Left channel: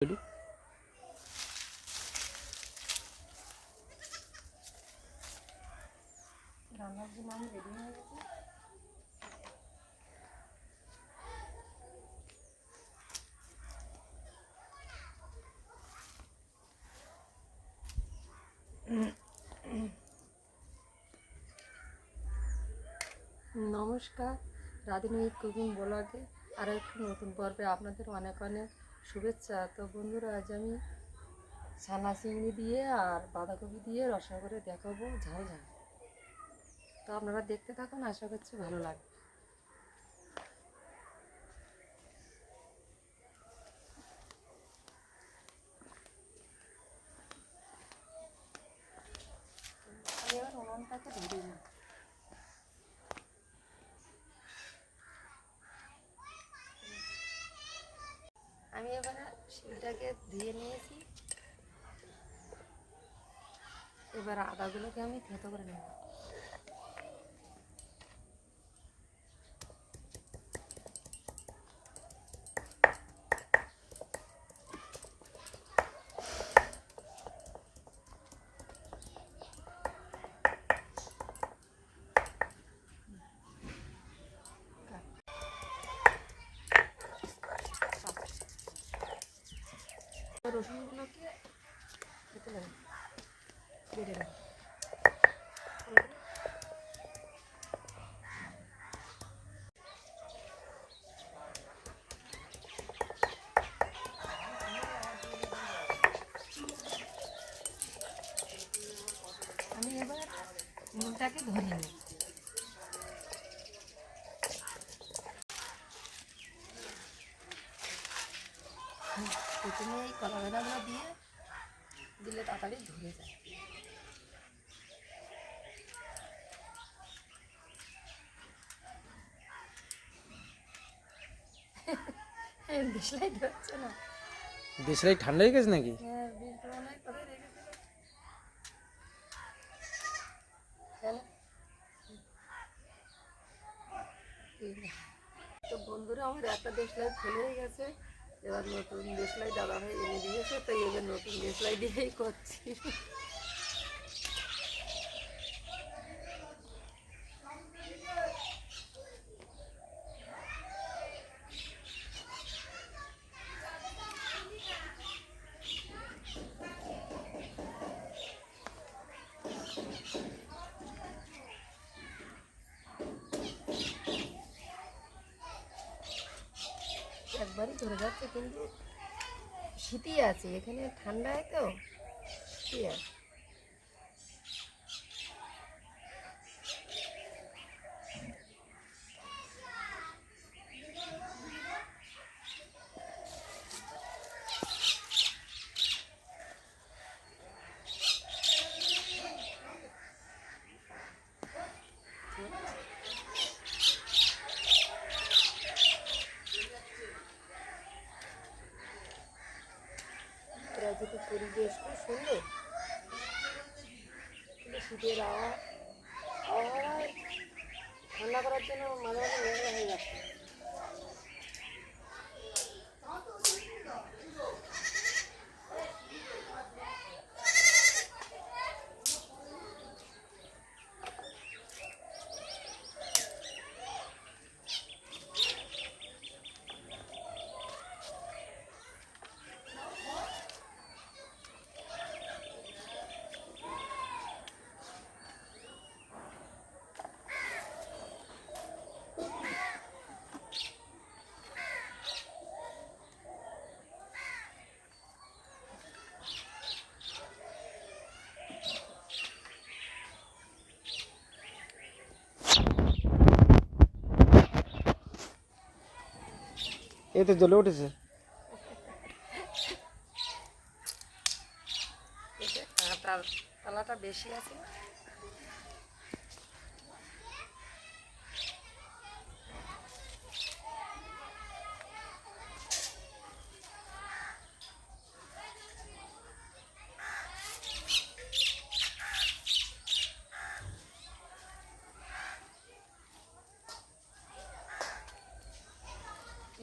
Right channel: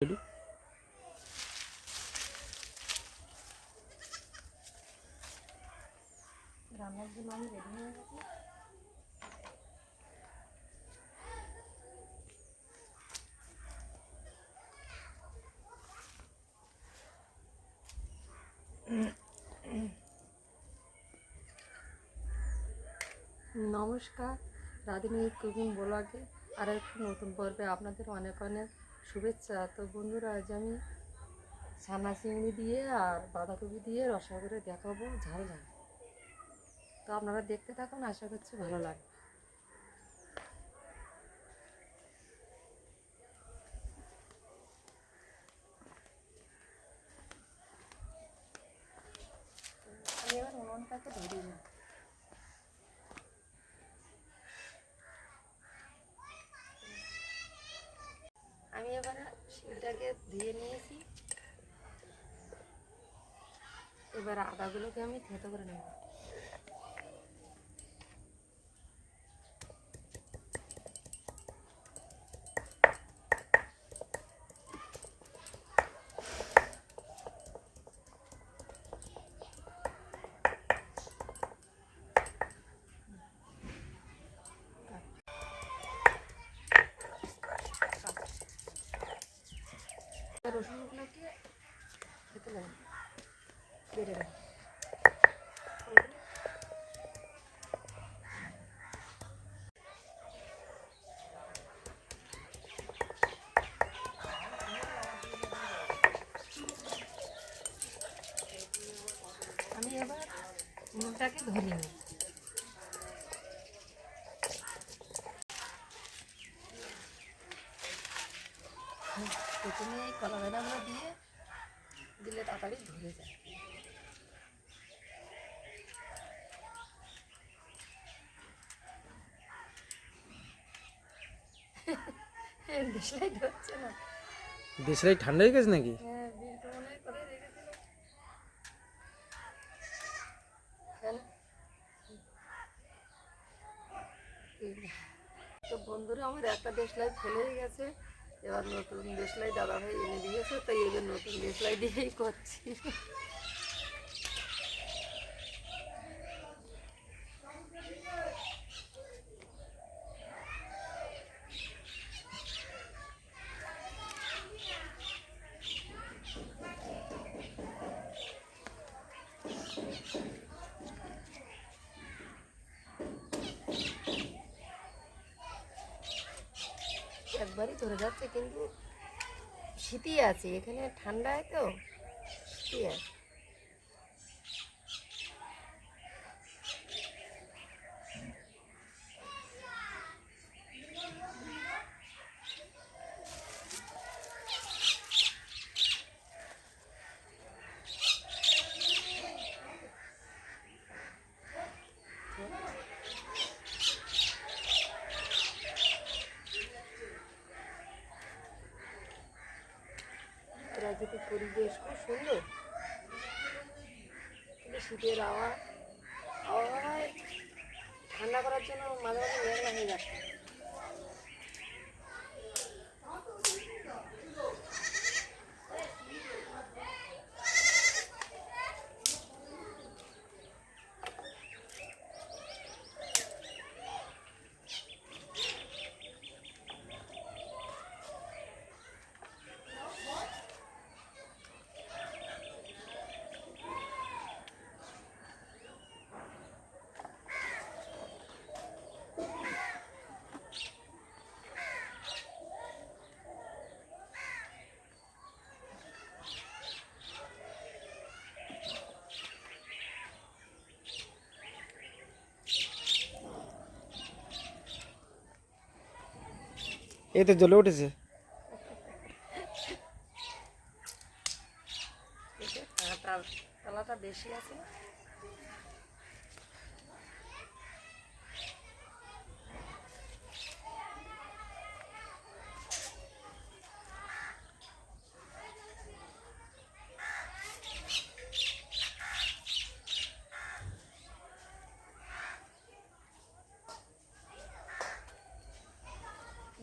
বলি রান্নার জন্য আমি রেডি হয়ে গেছি। নমস্কার, রাধিনী কুকিং ব্লগে আর একটু নতুন পর্বে আপনাদের অনেক অনেক শুভেচ্ছা। তো বন্ধুরা, আজ আমি ছানা চিংড়ি দিয়ে আর বাঁধাকপি দিয়ে রসা করে দেখাবো ঝাল ঝাল। তো আপনারা দেখতে থাকুন, আশা করছি ভালো লাগবে। আমি এবার উনুনটাকে ধরি না। আমি এবারে শিলটাকে ধুয়ে নিয়েছি। এবার আদাগুলোকে আমি থেঁতো করে নেব। রসুনগুলোকে খেতে লাগে বেড়ে দেয়। আমি এবার নুনটাকে ধরে নিই। প্রথমে এই কলা বাদামটা দিয়ে দিলে তাড়াতাড়ি ধরে যায়। দেশলাই ধরছে না। দেশলাই ঠান্ডা হয়ে গেছে নাকি? হ্যাঁ, বিলটা মনে হয় কোথায় রেখেছিল। হ্যাঁ, তো বন্ধুরা, আমার একটা দেশলাই ফেলে গেছে। এবার নতুন দেশলাই দাদাভাই এনে দিয়েছে, তাই এবার নতুন দেশলাই দিয়েই করছি। একবারই ধরে যাচ্ছে, কিন্তু শীতই আছে এখানে, ঠান্ডায় তো শীতই আছে। প্রাকৃতিক পরিবেশ খুব সুন্দর, কিন্তু শীতের আবহাওয়ায় ঠান্ডা করার জন্য মাঝে মাঝে মেঘলা হয়ে যাচ্ছে। এই তো জ্বলে উঠেছে। তালাটা বেশি আছে না?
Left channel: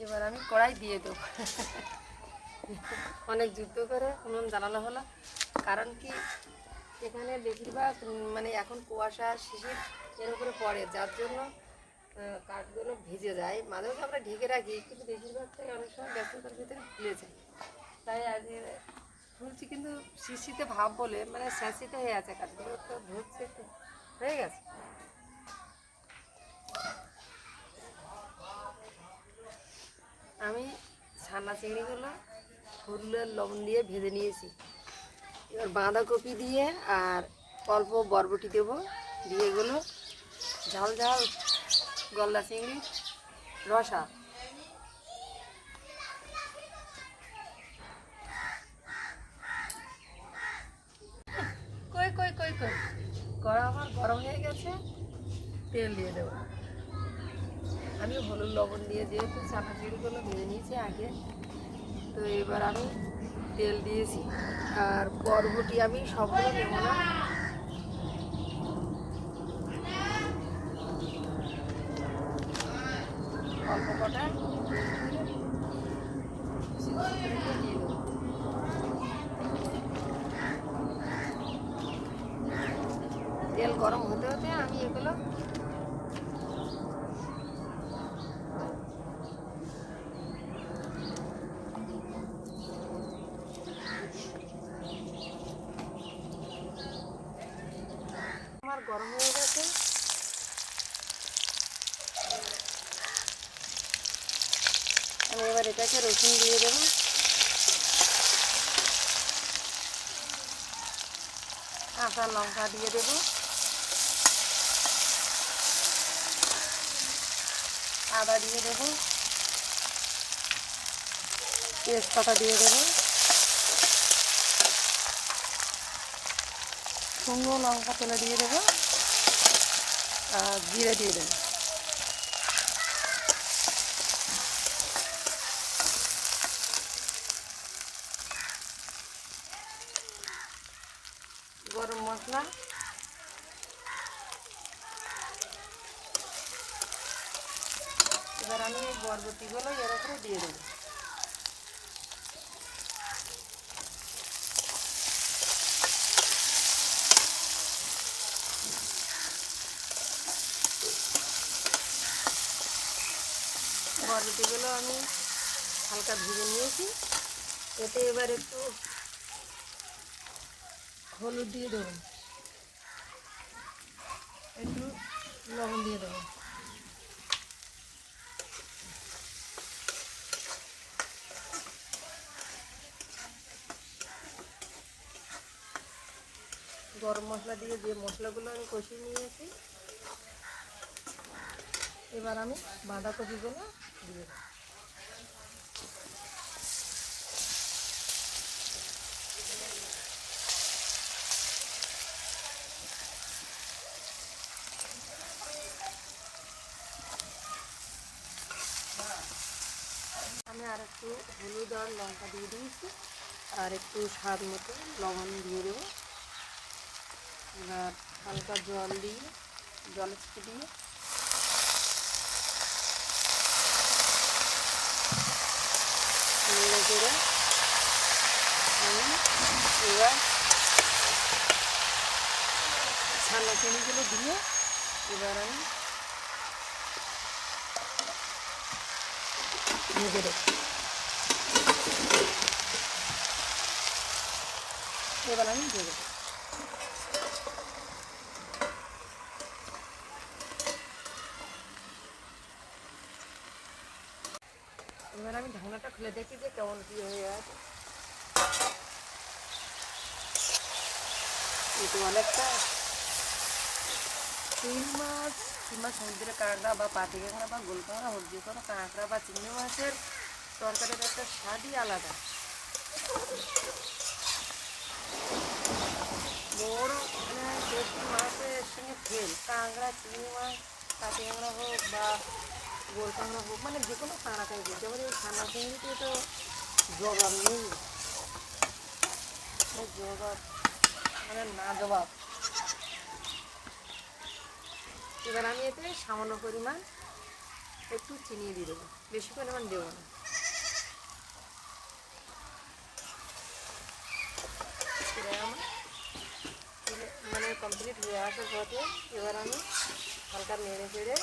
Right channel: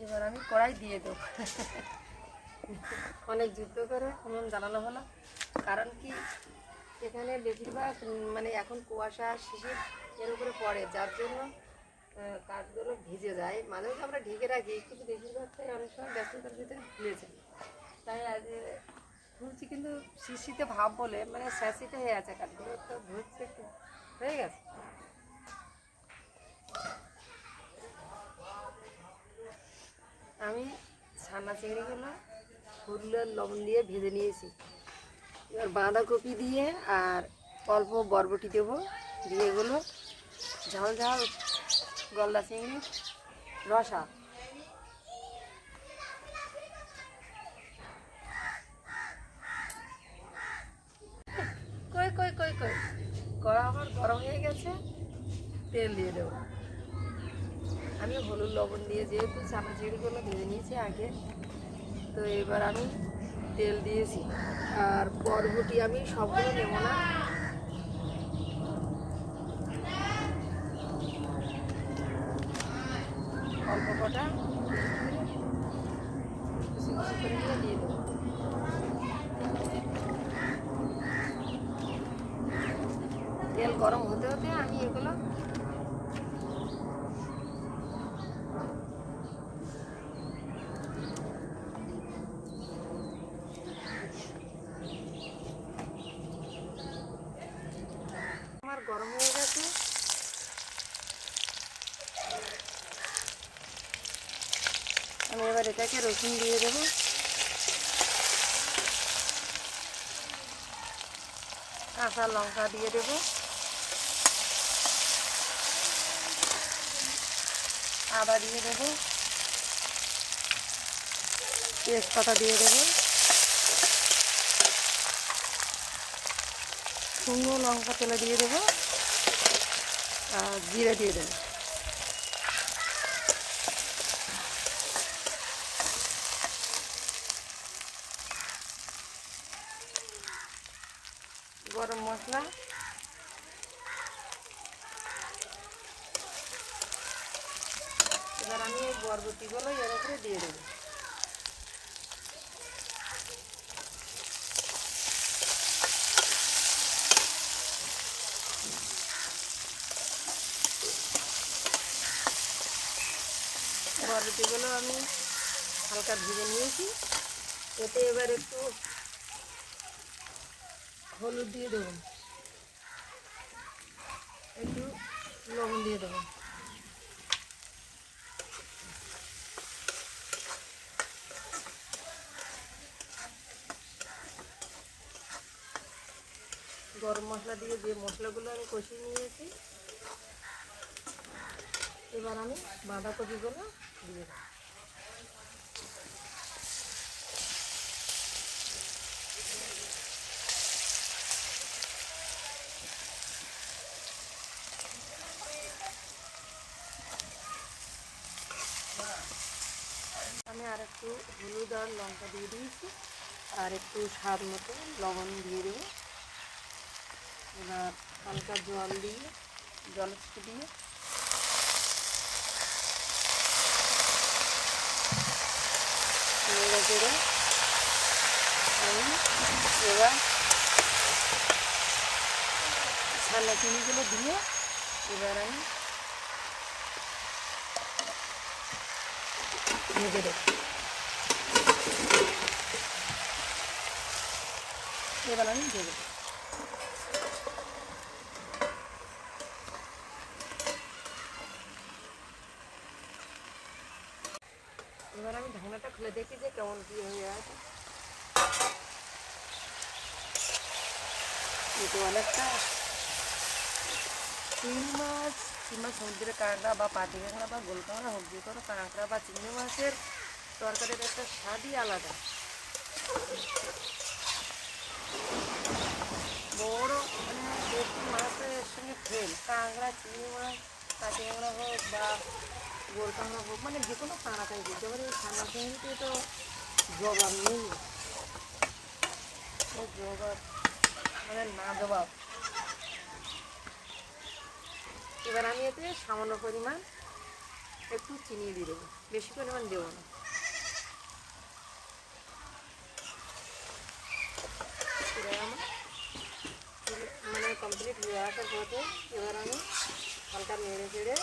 এবার আমি কড়াই দিয়ে দেবো। অনেক যুদ্ধ করে উনুন জ্বালানো হলো। কারণ কি এখানে বেশিরভাগ মানে এখন কুয়াশা শিশির এর উপরে পড়ে, যার জন্য কাঠগুলো ভিজে যায়। মাঝে মাঝে আমরা ঢেকে রাখি, কিন্তু বেশিরভাগটাই অনেক সময় ব্যস্ততার ভিতরে ভুলে যায়। তাই আজ খুলছি, কিন্তু শিশিতে ভাব বলে মানে স্যাঁচিতে হয়ে আছে, কাঠগুলো তো ধরছে একটু হয়ে গেছে। আমি ছানা চিংড়িগুলো ফুলের লবণ দিয়ে ভেজে নিয়েছি। এবার বাঁধাকপি দিয়ে আর অল্প বরবটি দেবো, দিয়ে এগুলো ঝাল ঝাল গলদা চিংড়ি রসা। কই কই কই কই কড়া আমার গরম হয়ে গেছে, তেল দিয়ে দেবো। আমি হলুদ লবণ দিয়ে যেহেতু চানা চিংড়িগুলো ভেজে নিয়েছি আগে, তো এবার আমি তেল দিয়েছি। আর বরবটি আমি সবগুলো নেব না, অল্প কটা কুচি কুচি করে দিয়ে দেবো। তেল গরম হতে হতে আমি এগুলো আমার গরম হয়ে গেছে। আমি এবার এটাকে রসুন দিয়ে দেবো, কাঁচা লঙ্কা দিয়ে দেবো, আদা দিয়ে দেবো, তেজপাতা দিয়ে দেবো, শুকনো লঙ্কা তেলে দিয়ে দেবো, আর জিরে দিয়ে দেবো। গরম মশলা, এবার আমি বরবটিগুলো এর উপরে দিয়ে দেবো। বরবটিগুলো আমি হালকা ভেজে নিয়েছি, এতে এবার একটু হলুদ দিয়ে দেবো, একটু লবণ দিয়ে দেবো। গরম মশলা দিয়ে যে মশলাগুলো আমি কষিয়ে নিয়েছি, এবার আমি বাঁধাকপিগুলো দিয়ে দেবো। আমি আর একটু হলুদ আর লঙ্কা দিয়ে দিয়েছি, আর একটু স্বাদ মতো লবণ দিয়ে দেবো। এবার হালকা জল দিয়ে জলে দিয়ে নেড়ে চেড়ে আমি এবার ছানা চিনিগুলো দিয়ে এবার আমি ভেজে দেবো। এবার আমি ভেজে দেবো। এবার আমি ঢাকনাটা খুলে দেখি যে কেমন কি হয়ে আছে। এতে অনেকটা চিংড়ি মাছ কিংবা সমুদ্রের কাঁকড়া বা পাতি কাঁকড়া বা গোল কাঁকড়া হোক, যে কোনো কাঁকড়া বা চিংড়ি মাছের তরকারির একটা স্বাদই আলাদা। বড় মানে দেশি মাছের সঙ্গে ফেল, কাঁকড়া চিংড়ি মাছ পাতি কাঁকড়া হোক বা গোল কাঁকড়া হোক, মানে যে কোনো কাঁকড়া খাই দিতে পারে। এই ছানা চিংড়িতে তো জবাব নেই, জবাব মানে না জবাব। এবার আমি এতে সামান্য পরিমাণ একটু চিনি দিয়ে দেবো, বেশি পরিমাণ দেবো না। কমপ্লিট হয়ে আসার পথে এবার আমি হালকা নেড়ে চেড়ে,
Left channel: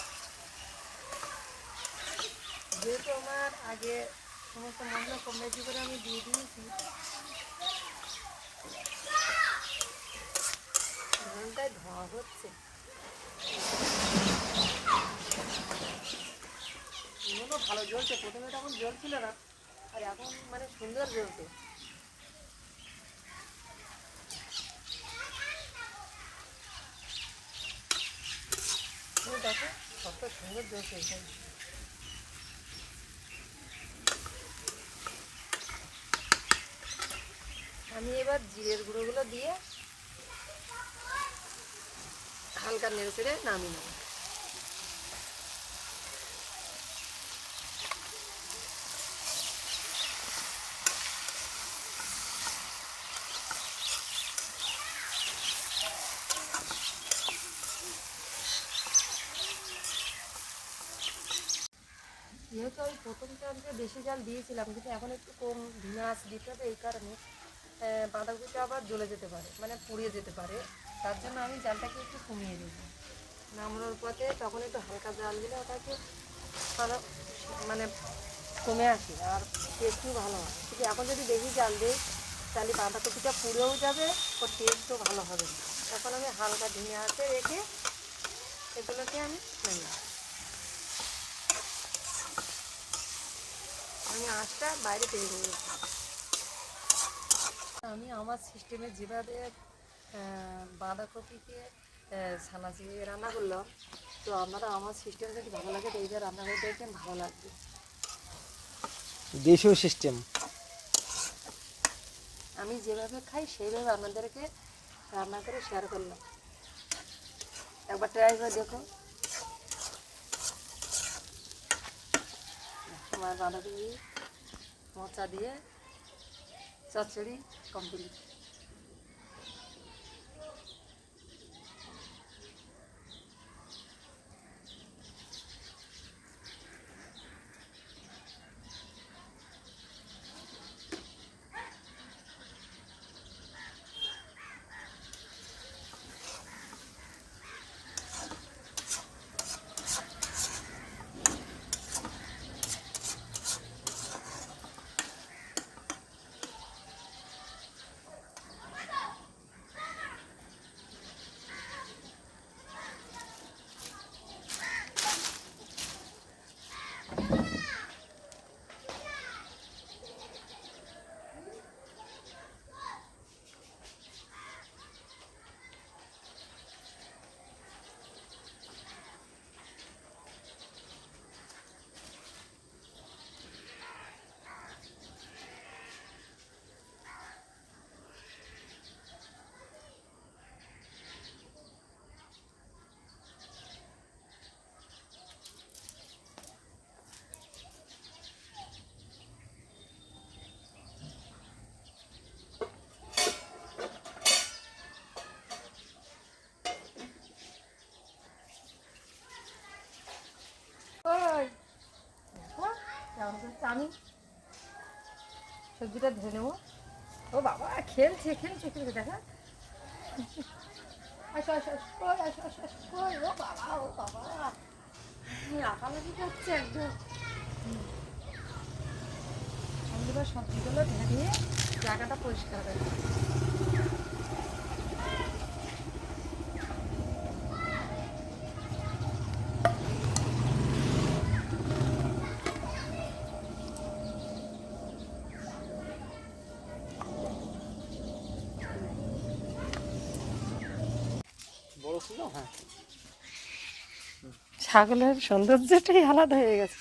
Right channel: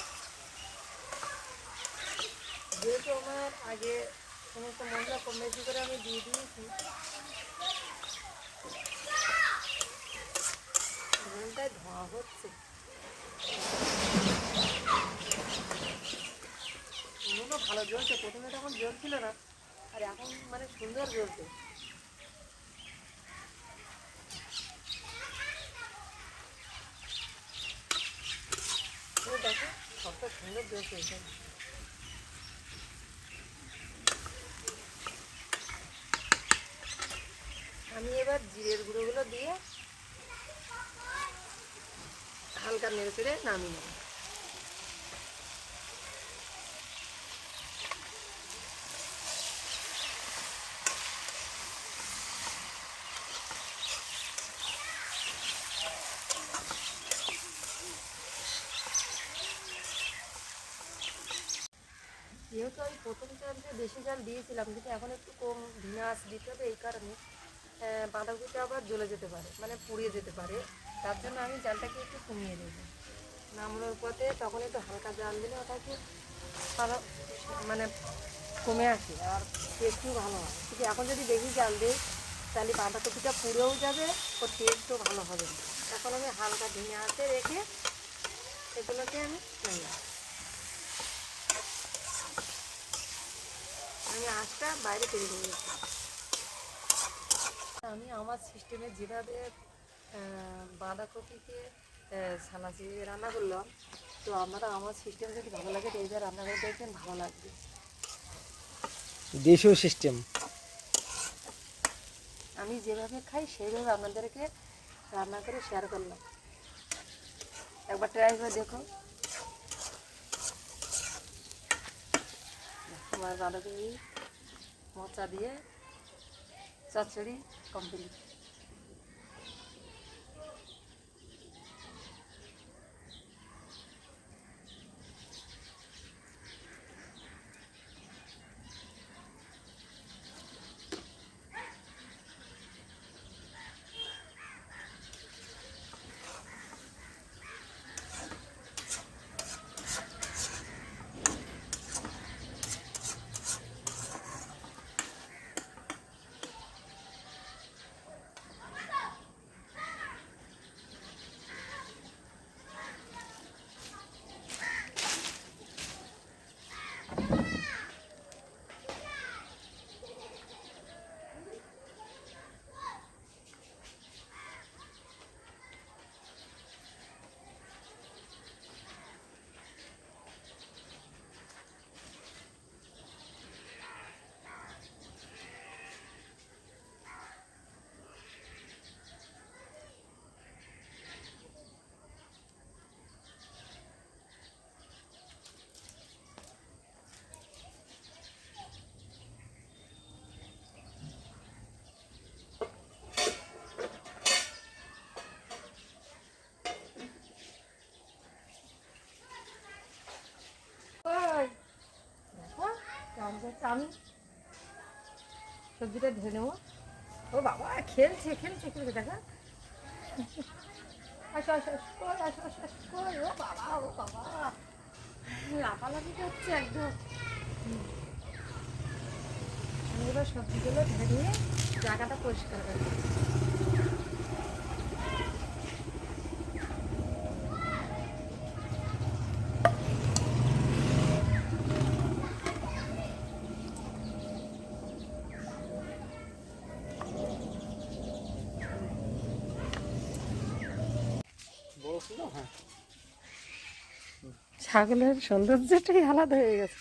যেহেতু আমার আগে সমস্ত মশলা কম বেশি করে আমি দিয়ে দিয়েছি, ঘন্টায় ধোয়া হচ্ছে। উনুনও ভালো জ্বলছে, প্রথমে তখন জ্বলছিল না, আর এখন মানে সুন্দর জ্বলছে। দেখো কত সুন্দর জ্বলছে এখানে। আমি এবার জিরের গুঁড়োগুলো দিয়ে হালকা নেড়ে চেড়ে নামিয়ে নেব। যেহেতু আমি প্রথম চালতে বেশি জাল দিয়েছিলাম, কিন্তু এখন একটু কম ধিনা আঁচ দিতে হবে, এই কারণে বাঁধাকপিটা আবার জ্বলে যেতে পারে, মানে পুড়িয়ে যেতে পারে। তার জন্য আমি জালটাকে একটু কমিয়ে দেব। নামানোর পথে তখন একটু হালকা জাল দিলে ওটাকে ভালো মানে কমে আসে, আর টেস্টও ভালো হয়। কিন্তু এখন যদি বেশি জাল দিই তাহলে বাঁধাকপিটা পুড়েও যাবে, ওর টেস্টও ভালো হবে না। এখন আমি হালকা ধিনা আঁচে রেখে এগুলোকে আমি নামিয়ে, আমি আঁচটা বাইরে পেরে নিয়েছি। আমি আমার সিস্টেমে যেভাবে বাঁধাকপিকে ছানা চিড়ে রান্না করলাম, তো আপনারা আমার সিস্টেম যদি ভালো লাগে তো এইবার রান্না করে দেখবেন, ভালো লাগবে। দেশীয় সিস্টেম। আমি যেভাবে খাই সেইভাবে আপনাদেরকে রান্না করে শেয়ার করলাম, একবার ট্রাই করে দেখো। আমার বাঁধাকপি মোচা দিয়ে চচ্চড়ি কমপ্লিট। দেখো কেমন করছে, আমি সবজিটা ধুয়ে নেবো। ও বাবা খেলছে খেলছে খেলছে, দেখা আসো আসো কই আসো আসো কই, ও বাবা ও বাবা লাফালাফি করছে একদম। আমি এবার সবজিগুলো ধুয়ে জায়গাটা পরিষ্কার করে বড় ছিল, হ্যাঁ। ছাগলের সৌন্দর্যটাই আলাদা হয়ে গেছে।